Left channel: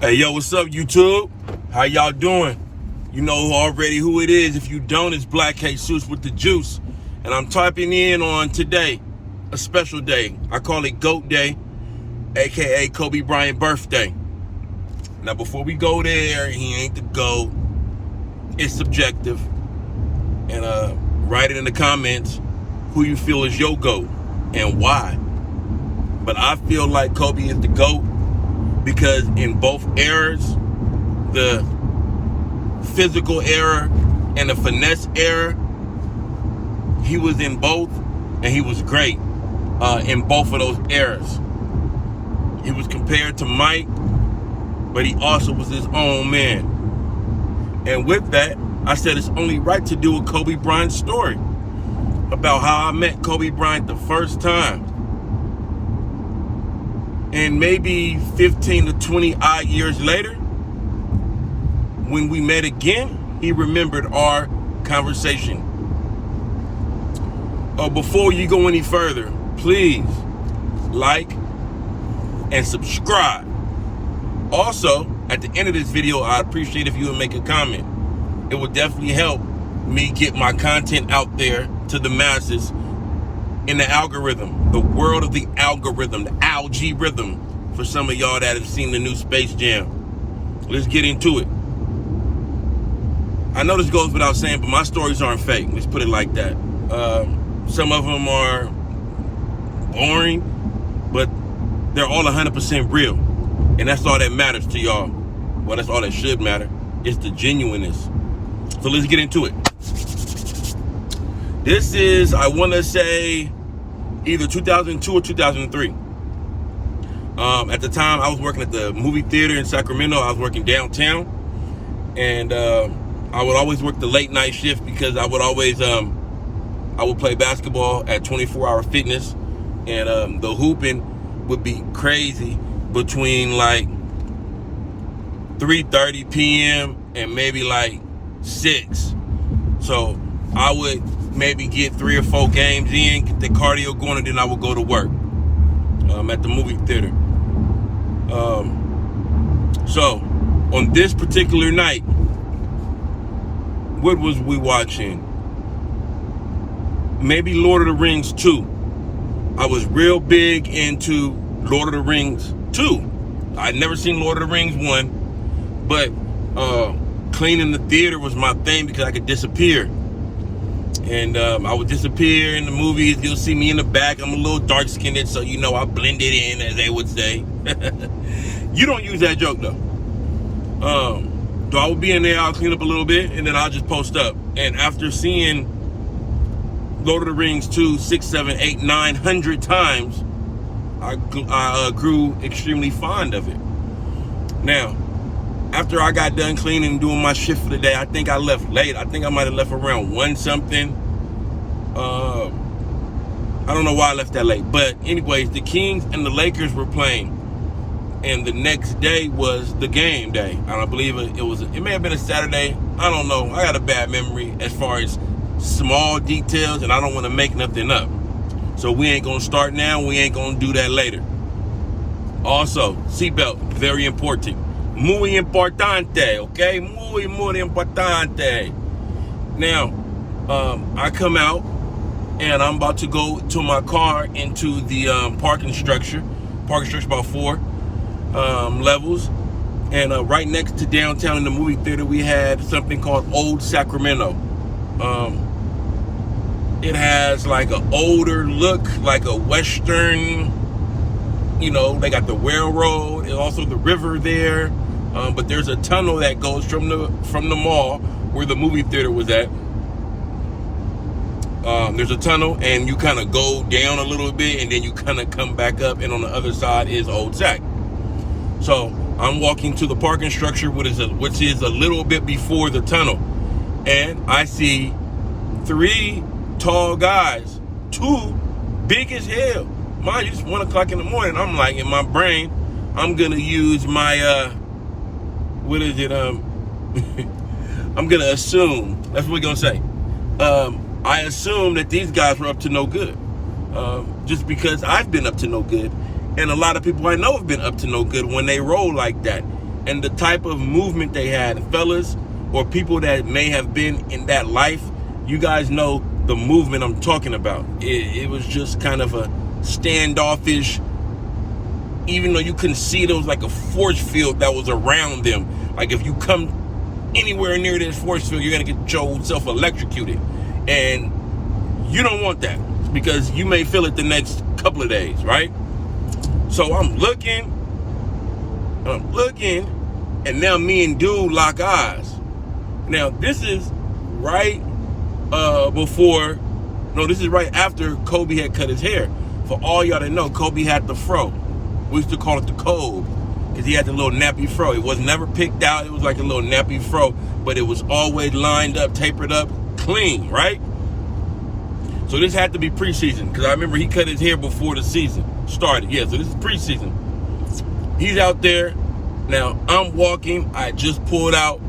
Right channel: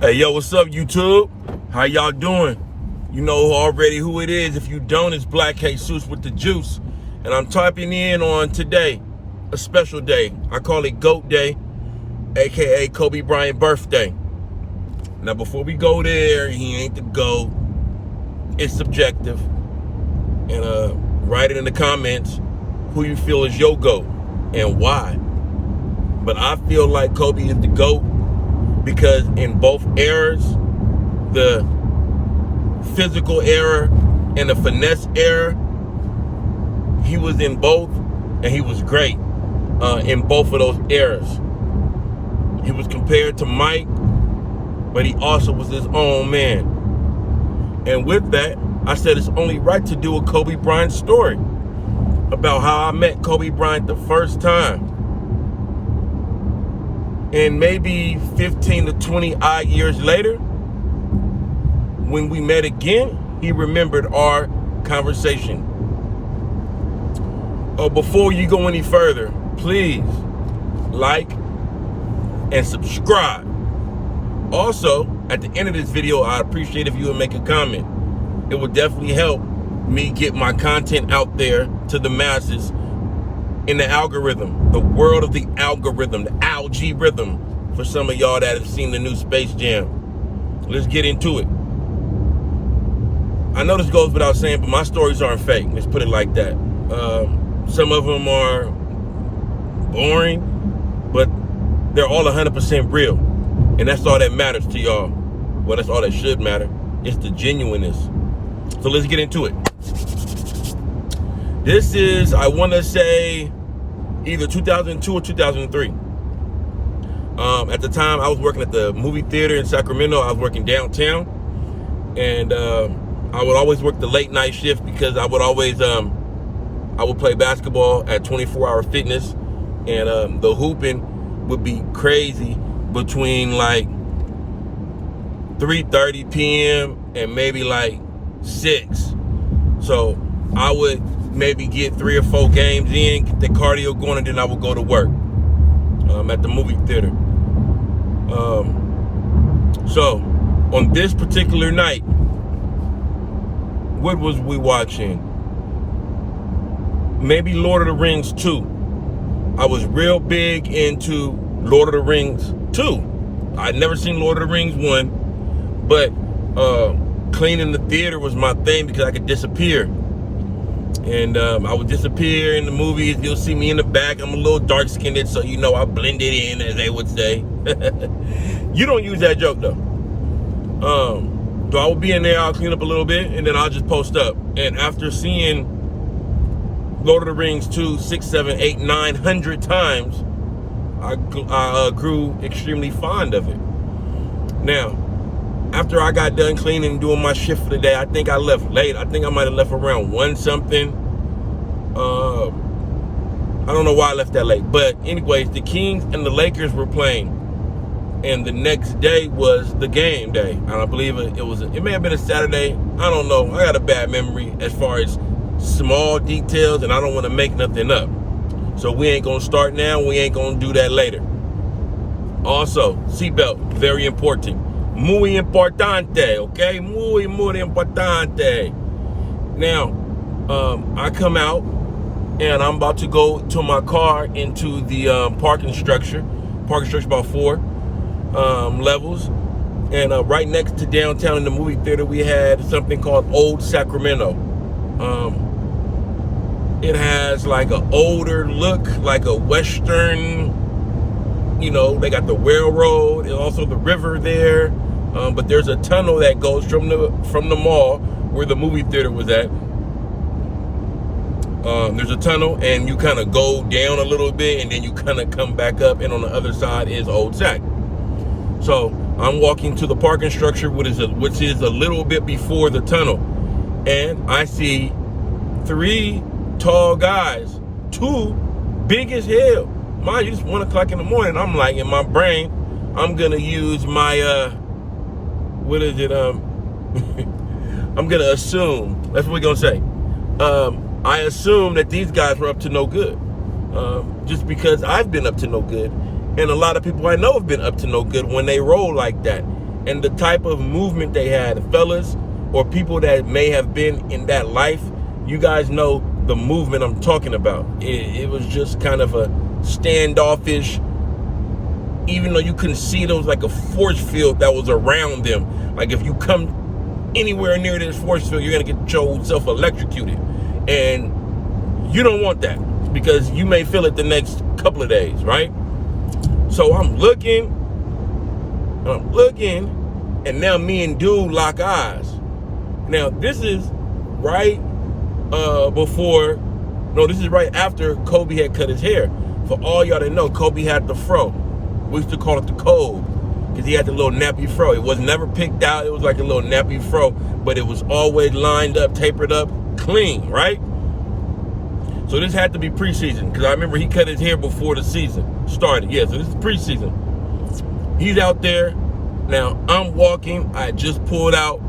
Hey, yo, what's up, YouTube? How y'all doing? You know already who it is. If you don't, it's Blacc Jesus with the juice. And I'm typing in on today, a special day. I call it GOAT Day, aka Kobe Bryant birthday. Now, before we go there, he ain't the GOAT. It's subjective. And write it in the comments who you feel is your GOAT and why. But I feel like Kobe is the GOAT because in both eras, the physical era and the finesse era, he was in both, and he was great in both of those eras. He was compared to Mike, but he also was his own man. And with that, I said it's only right to do a Kobe Bryant story about how I met Kobe Bryant the first time. And maybe 15 to 20 odd years later, when we met again, he remembered our conversation. Before you go any further, please like and subscribe. Also, at the end of this video, I'd appreciate if you would make a comment. It would definitely help me get my content out there to the masses in the algorithm, the world of the algorithm, the algae rhythm, for some of y'all that have seen the new Space Jam. Let's get into it. I know this goes without saying, but my stories aren't fake. Let's put it like that. Some of them are boring, but they're all 100% real. And that's all that matters to y'all. Well, that's all that should matter. It's the genuineness. So let's get into it. This is, I want to say, either 2002 or 2003. At the time, I was working at the movie theater in Sacramento. I was working downtown. And I would always work the late night shift because I would always, I would play basketball at 24-hour fitness. And the hooping would be crazy between like 3:30 p.m. and maybe like 6. So I would maybe get 3 or 4 games in, get the cardio going, and then I would go to work at the movie theater. So on this particular night, what was we watching? Maybe Lord of the Rings 2. I was real big into Lord of the Rings 2. I'd never seen Lord of the Rings 1, but cleaning the theater was my thing because I could disappear. And I would disappear in the movies. You'll see me in the back. I'm a little dark-skinned, so you know I blended in, as they would say. You don't use that joke, though. So I will be in there, I'll clean up a little bit, and then I'll just post up. And after seeing Lord of the Rings 2, 6, 7, 8, 900 times, I grew extremely fond of it. Now, after I got done cleaning and doing my shift for the day, I think I left late. I think I might have left around 1 something. I don't know why I left that late. But anyways, the Kings and the Lakers were playing. And the next day was the game day. And I believe it may have been a Saturday. I don't know. I got a bad memory as far as small details, and I don't want to make nothing up. So we ain't going to start now. We ain't going to do that later. Also, seatbelt, very important. Muy importante, okay? Muy importante. Now, I come out, and I'm about to go to my car into the parking structure. Parking structure about 4 levels. And right next to downtown in the movie theater, we had something called Old Sacramento. It has like an older look, like a Western, you know, they got the railroad and also the river there. But there's a tunnel that goes from the mall where the movie theater was at. There's a tunnel, and you kind of go down a little bit, and then you kind of come back up, and on the other side is Old Sac. So I'm walking to the parking structure, which is a little bit before the tunnel, and I see 3 tall guys, 2 big as hell. Mind you, it's 1 o'clock in the morning. I'm like, in my brain, I'm gonna use my I'm gonna assume, that's what we're gonna say. I assume that these guys were up to no good. Just because I've been up to no good. And a lot of people I know have been up to no good when they roll like that. and the type of movement they had. Fellas or people that may have been in that life, you guys know the movement I'm talking about. It was just kind of a standoffish, even though you couldn't see it, it was like a force field that was around them. Like if you come anywhere near this force field, you're gonna get yourself electrocuted. And you don't want that, because you may feel it the next couple of days, right? So I'm looking, and now me and dude lock eyes. Now this is right this is right after Kobe had cut his hair. For all y'all that know, Kobe had the fro. We used to call it the Kobe, because he had the little nappy fro. It was never picked out. It was like a little nappy fro, but it was always lined up, tapered up, clean, right? So this had to be preseason, because I remember he cut his hair before the season started. Yeah, so this is preseason. He's out there. Now I'm walking. I just pulled out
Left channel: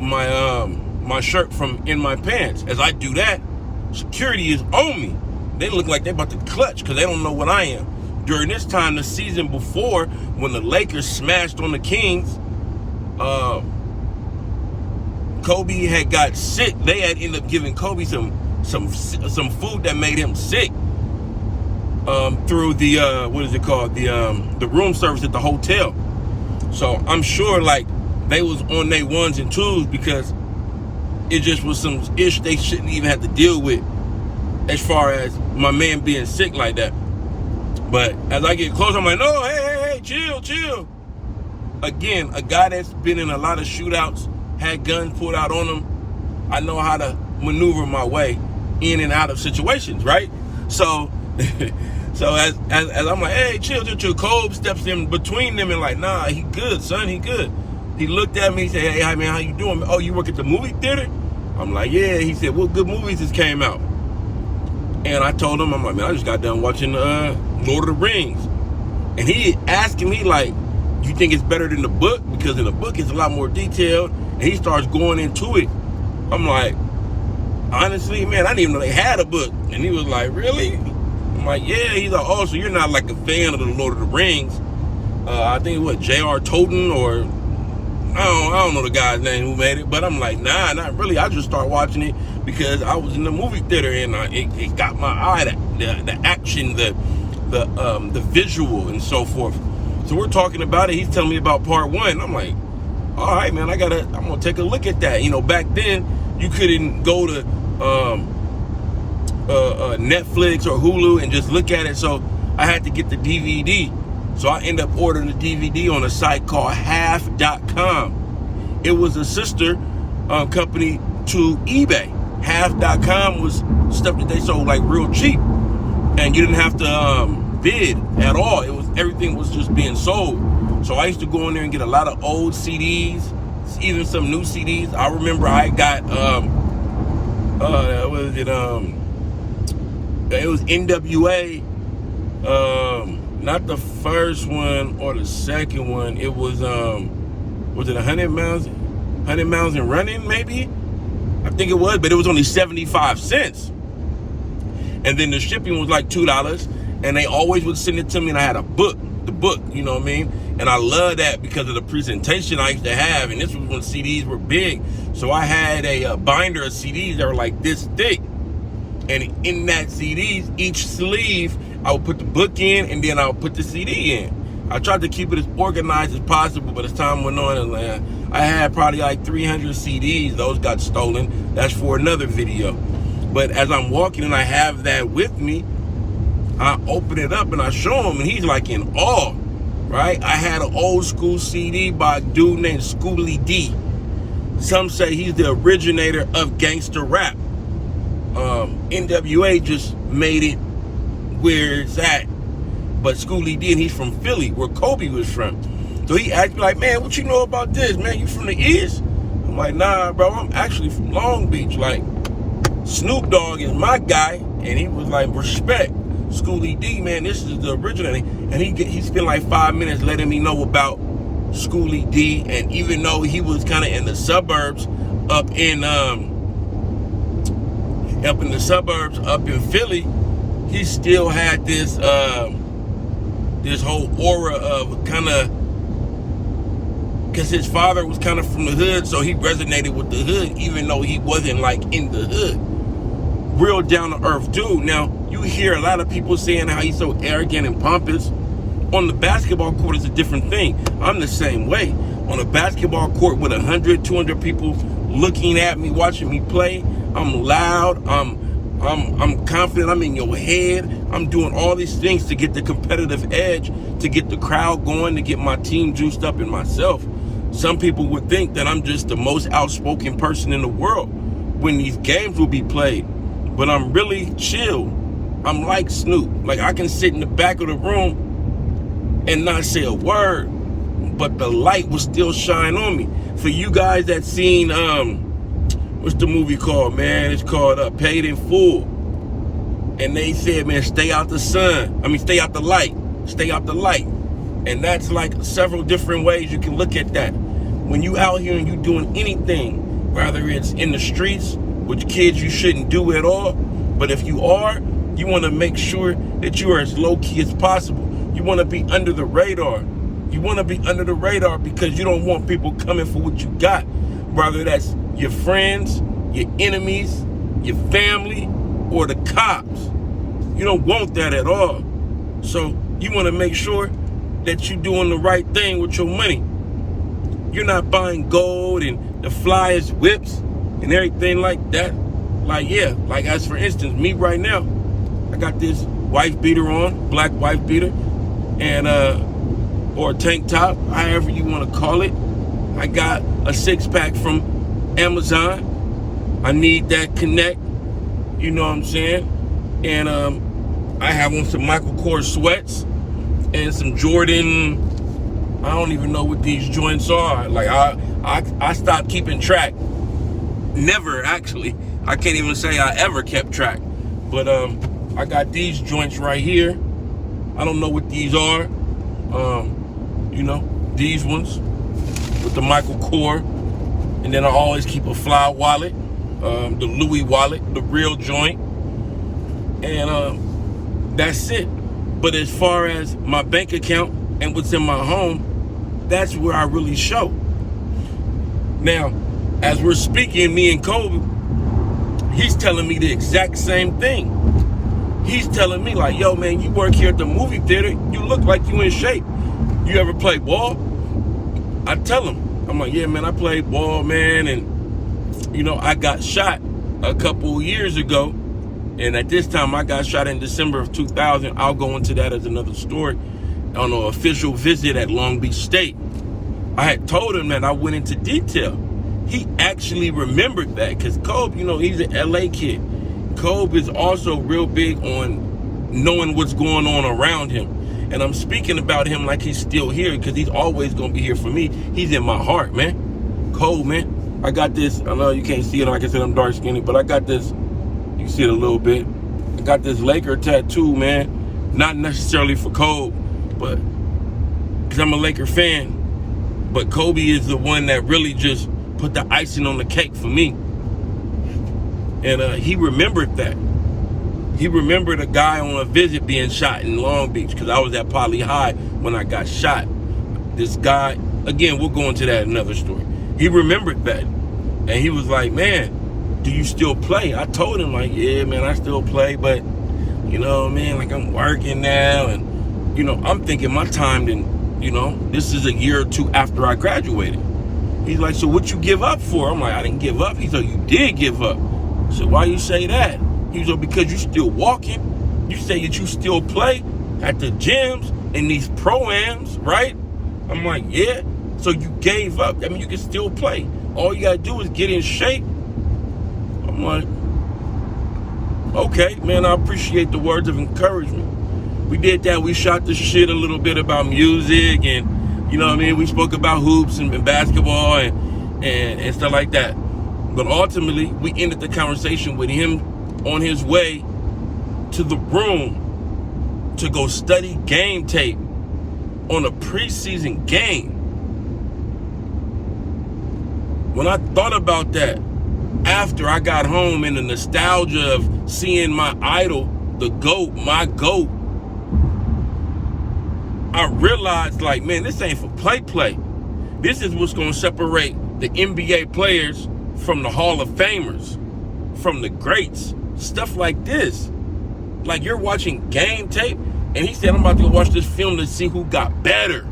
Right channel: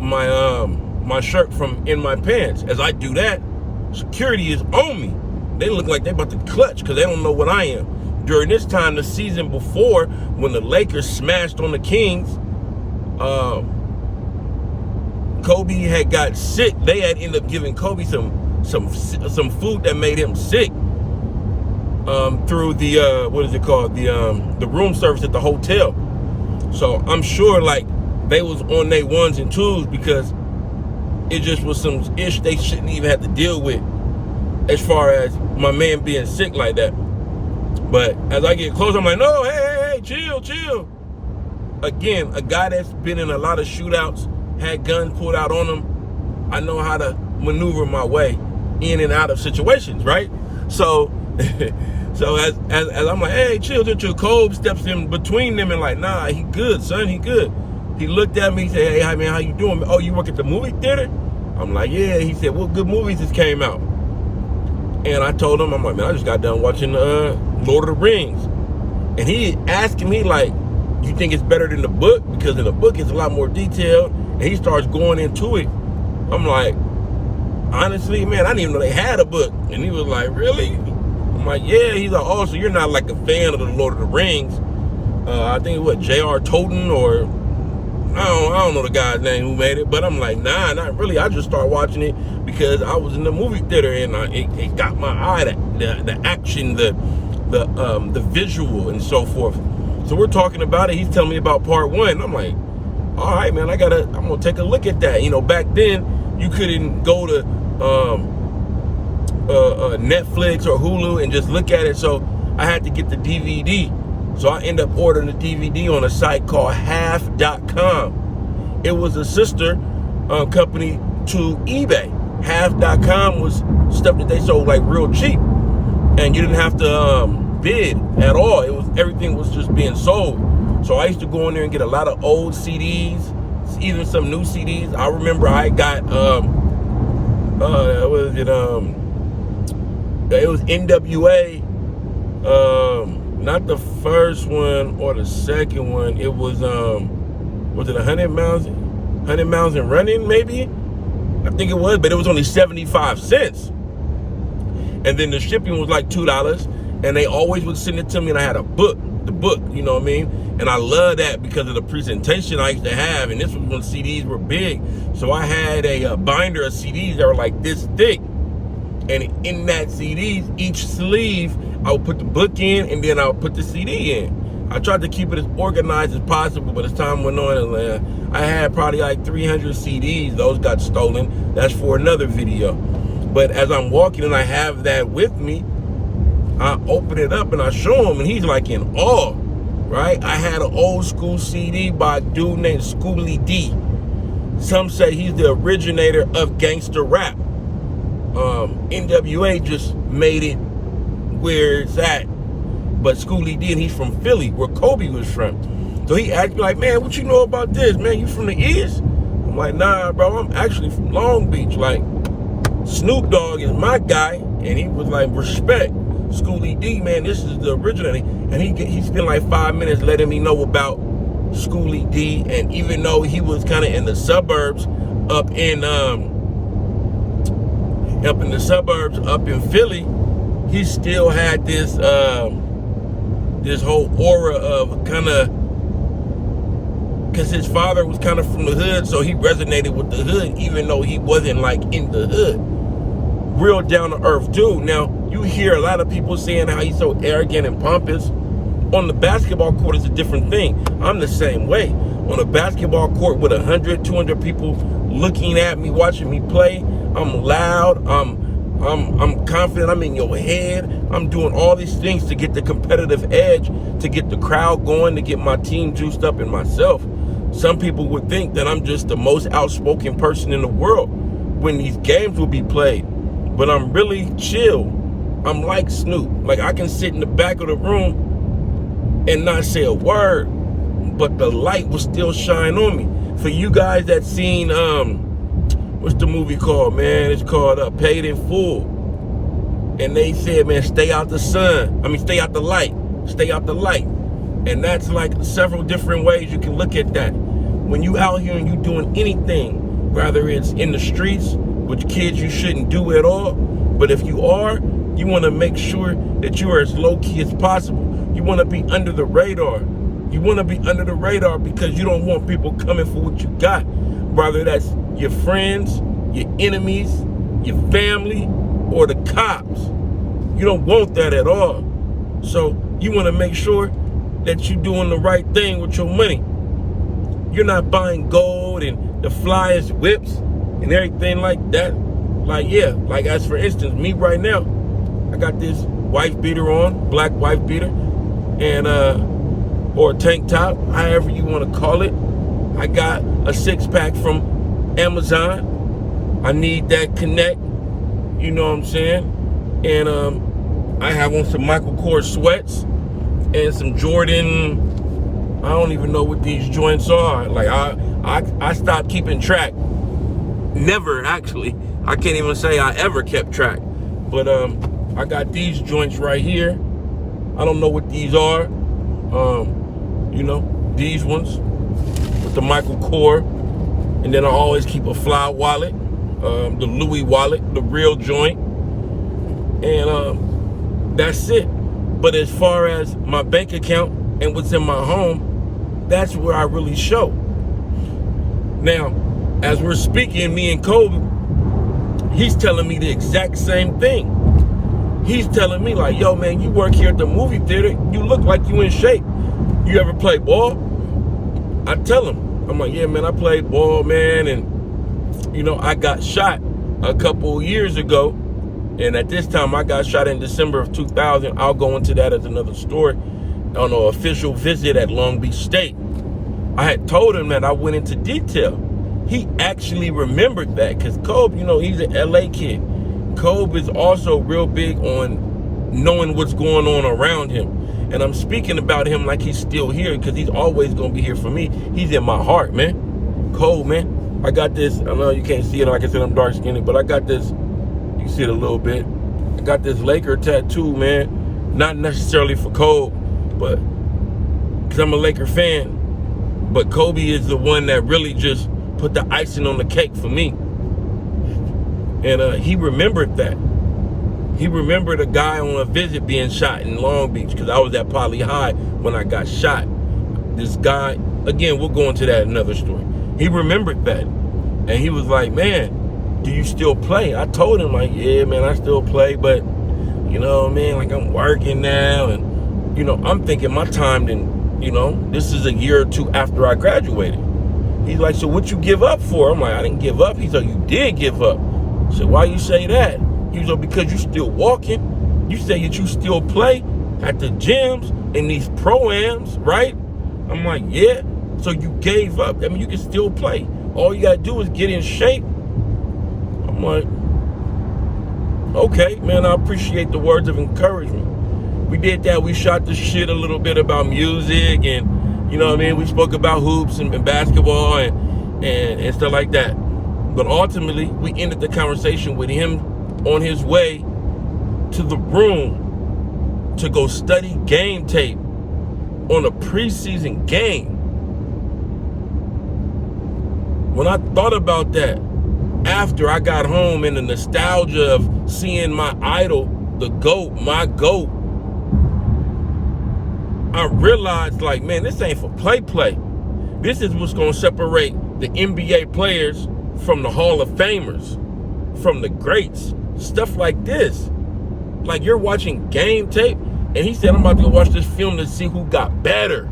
my shirt from in my pants. As I do that, security is on me. They look like they're about to clutch, because they don't know what I am. During this time, the season before, when the Lakers smashed on the Kings, Kobe had got sick. They had ended up giving Kobe some food that made him sick through the what is it called, the room service at the hotel. So I'm sure like they was on their ones and twos, because it just was some ish they shouldn't even have to deal with, as far as my man being sick like that. But as I get close, I'm like, no, hey, chill. Again, a guy that's been in a lot of shootouts, had guns pulled out on him. I know how to maneuver my way in and out of situations, right? So as I'm like, hey, chill. Kobe steps in between them and like, nah, he good, son, he good. He looked at me, he said, hey, man, how you doing? Oh, you work at the movie theater? I'm like, yeah. He said, what good movies just came out? And I told him, I'm like, man, I just got done watching Lord of the Rings. And he asking me like, you think it's better than the book? Because in the book it's a lot more detailed. And he starts going into it. I'm like, honestly, man, I didn't even know they had a book. And he was like, really? I'm like, yeah. He's like, oh, so you're not like a fan of the Lord of the Rings. I think what, J.R. Tolkien, or I don't know the guy's name who made it, but I'm like, nah, not really. I just started watching it because I was in the movie theater, and it got my eye, the action, the visual, and so forth. So we're talking about it. He's telling me about part one. I'm like, all right, man, I'm gonna take a look at that. You know, back then you couldn't go to Netflix or Hulu and just look at it. So I had to get the DVD. So I ended up ordering the DVD on a site called half.com. It was a sister company to eBay. Half.com was stuff that they sold like real cheap, and you didn't have to bid at all. Everything was just being sold. So I used to go in there and get a lot of old CDs, even some new CDs. I remember I got it was NWA, not the first one or the second one. It was it 100 miles and running, maybe? I think it was, but it was only 75 cents. And then the shipping was like $2, and they always would send it to me, and I had the book, you know what I mean? And I love that because of the presentation I used to have, and this was when CDs were big. So I had a binder of CDs that were like this thick. And in that CDs, each sleeve, I would put the book in, and then I would put the CD in. I tried to keep it as organized as possible, but as time went on, I had probably like 300 CDs. Those got stolen. That's for another video. But as I'm walking and I have that with me, I open it up and I show him, and he's like in awe, right? I had an old school CD by a dude named Schooly D. Some say he's the originator of gangster rap. NWA just made it where it's at. But Schooly D, and he's from Philly, where Kobe was from. So he asked me like, man, what you know about this, man? You from the East? I'm like, nah, bro, I'm actually from Long Beach. Like, Snoop Dogg is my guy. And he was like, respect. Schooly D, man, this is the original. And he spent like 5 minutes letting me know about Schooly D. And even though he was kind of in the suburbs up in Philly, he still had this this whole aura of kind of because his father was kind of from the hood, so he resonated with the hood, even though he wasn't like in the hood. Real down to earth dude. Now, you hear a lot of people saying how he's so arrogant and pompous. On the basketball court, it's a different thing. I'm the same way. On a basketball court with 100, 200 people looking at me, watching me play, I'm loud, I'm confident, I'm in your head. I'm doing all these things to get the competitive edge, to get the crowd going, to get my team juiced up in myself. Some people would think that I'm just the most outspoken person in the world when these games will be played. But I'm really chill. I'm like Snoop. Like, I can sit in the back of the room and not say a word, but the light will still shine on me. For you guys that seen, what's the movie called, man? It's called Paid in Full. And they said, man, stay out the sun. I mean, stay out the light. Stay out the light. And that's like several different ways you can look at that. When you out here and you doing anything, whether it's in the streets, with kids you shouldn't do at all, but if you are, you want to make sure that you are as low-key as possible. You want to be under the radar. You want to be under the radar because you don't want people coming for what you got. Whether that's your friends, your enemies, your family, or the cops. You don't want that at all. So you want to make sure that you're doing the right thing with your money. You're not buying gold and the flyest whips and everything like that. Like, yeah, like as for instance, me right now, I got this wife beater on, black wife beater, and or a tank top, however you want to call it. I got a 6-pack from Amazon. I need that connect, you know what I'm saying? And I have on some Michael Kors sweats and some Jordan, I don't even know what these joints are. Like I stopped keeping track. Never, actually. I can't even say I ever kept track. But I got these joints right here. I don't know what these are. You know, these ones with the Michael Kors. And then I always keep a fly wallet, the Louis wallet, the real joint. And that's it. But as far as my bank account and what's in my home, that's where I really show. Now, as we're speaking, me and Kobe, he's telling me the exact same thing. He's telling me like, yo, man, you work here at the movie theater. You look like you in shape. You ever play ball? I tell him, I'm like, yeah, man, I played ball, man. And, you know, I got shot a couple years ago. And at this time, I got shot in December of 2000. I'll go into that as another story on an official visit at Long Beach State. I had told him that I went into detail. He actually remembered that because Kobe, you know, he's an LA kid. Kobe is also real big on knowing what's going on around him. And I'm speaking about him like he's still here because he's always going to be here for me. He's in my heart, man. Kobe, man. I got this. I know you can't see it. Like I said, I'm dark skinned, but I got this. You can see it a little bit. I got this Laker tattoo, man. Not necessarily for Kobe, but because I'm a Laker fan. But Kobe is the one that really just put the icing on the cake for me. And he remembered that. He remembered a guy on a visit being shot in Long Beach because I was at Poly High when I got shot. This guy, again, we'll go into that in another story. He remembered that. And he was like, man, do you still play? I told him, like, yeah, man, I still play, but, you know, man, like I'm working now. And, you know, I'm thinking my time, then, you know, this is a year or two after I graduated. He's like, so what you give up for? I'm like, I didn't give up. He's like, you did give up. I said, why you say that? He was like, because you still walking. You say that you still play at the gyms and these pro-ams, right? I'm like, yeah. So you gave up. I mean, you can still play. All you got to do is get in shape. I'm like, okay, man, I appreciate the words of encouragement. We did that. We shot the shit a little bit about music and, you know what I mean? We spoke about hoops and basketball and stuff like that. But ultimately, we ended the conversation with him on his way to the room to go study game tape on a preseason game. When I thought about that, after I got home and the nostalgia of seeing my idol, the GOAT, my GOAT, I realized, like, man, this ain't for play. This is what's going to separate the NBA players from the Hall of Famers, from the greats. Stuff like this. Like, you're watching game tape, and he said, I'm about to go watch this film to see who got better,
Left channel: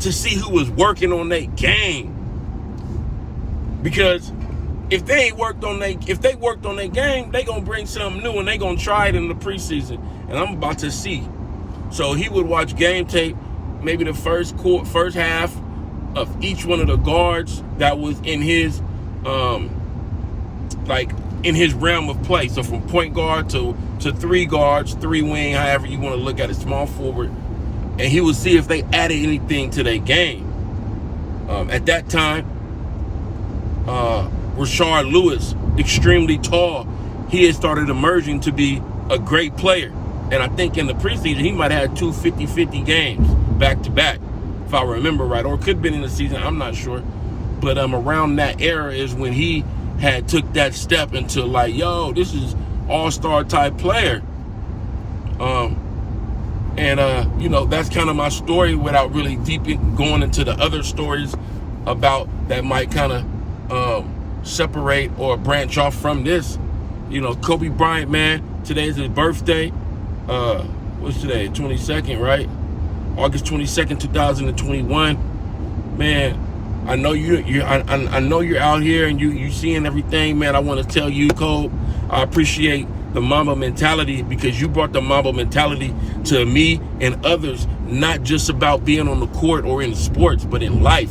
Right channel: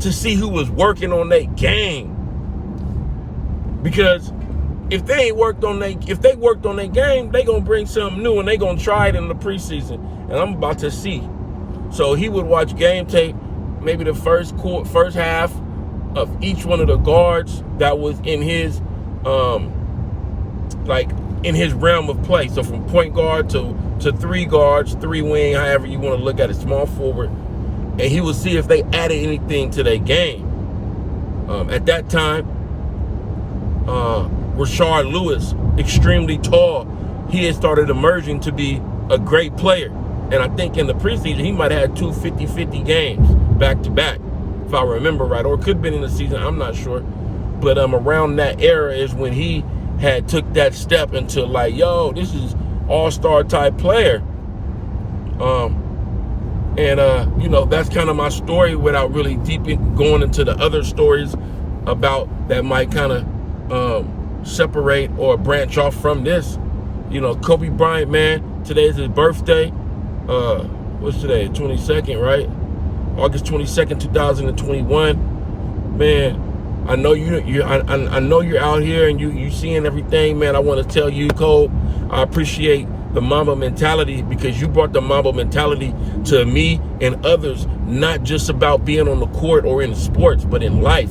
to see who was working on their game. Because if they worked on their game, they gonna bring something new, and they gonna try it in the preseason. And I'm about to see. So he would watch game tape, maybe the first half of each one of the guards that was in his in his realm of play. So from point guard to three guards, three wing, however you want to look at it, small forward. And he would see if they added anything to their game. At that time, Rashard Lewis, extremely tall, he had started emerging to be a great player. And I think in the preseason, he might have had 2 50-50 games back to back, if I remember right. Or it could have been in the season, I'm not sure. But around that era is when he had took that step into like, yo, this is all-star type player. You know, that's kind of my story without really going into the other stories about that might kind of separate or branch off from this. You know, Kobe Bryant, man, today's his birthday. What's today? 22nd, right? August 22nd, 2021. Man, I know I know you're out here and you seeing everything, man. I want to tell you, Cole, I appreciate the mamba mentality, because you brought the mamba mentality to me and others, not just about being on the court or in sports, but in life.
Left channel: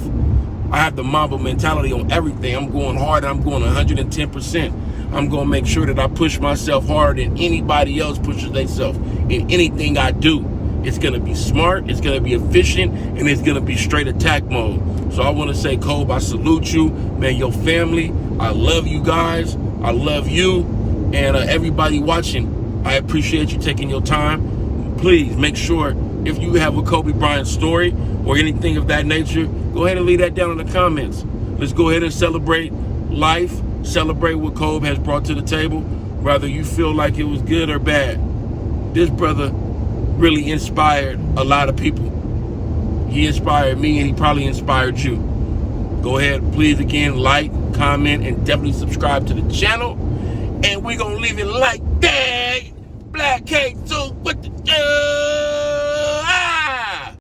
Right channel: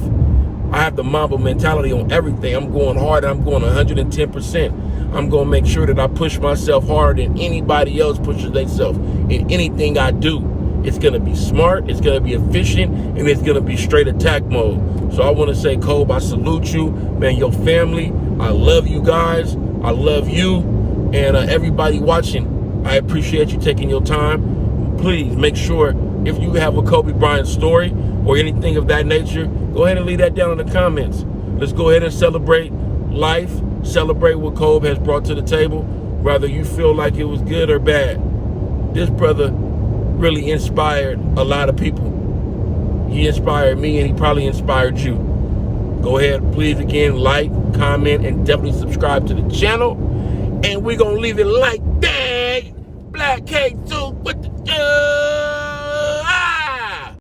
I have the mamba mentality on everything. I'm going hard. I'm going 110%. I'm going to make sure that I push myself harder than anybody else pushes themselves in anything I do. It's going to be smart, it's going to be efficient, and it's going to be straight attack mode. So I want to say, Kobe, I salute you, man, your family. I love you guys. I love you. And everybody watching, I appreciate you taking your time. Please make sure if you have a Kobe Bryant story or anything of that nature, go ahead and leave that down in the comments. Let's go ahead and celebrate life, celebrate what Kobe has brought to the table, whether you feel like it was good or bad. This brother really inspired a lot of people. He inspired me, and he probably inspired you. Go ahead, please, again, like, comment, and definitely subscribe to the channel. And we're going to leave it like that. Blacc Jesus with the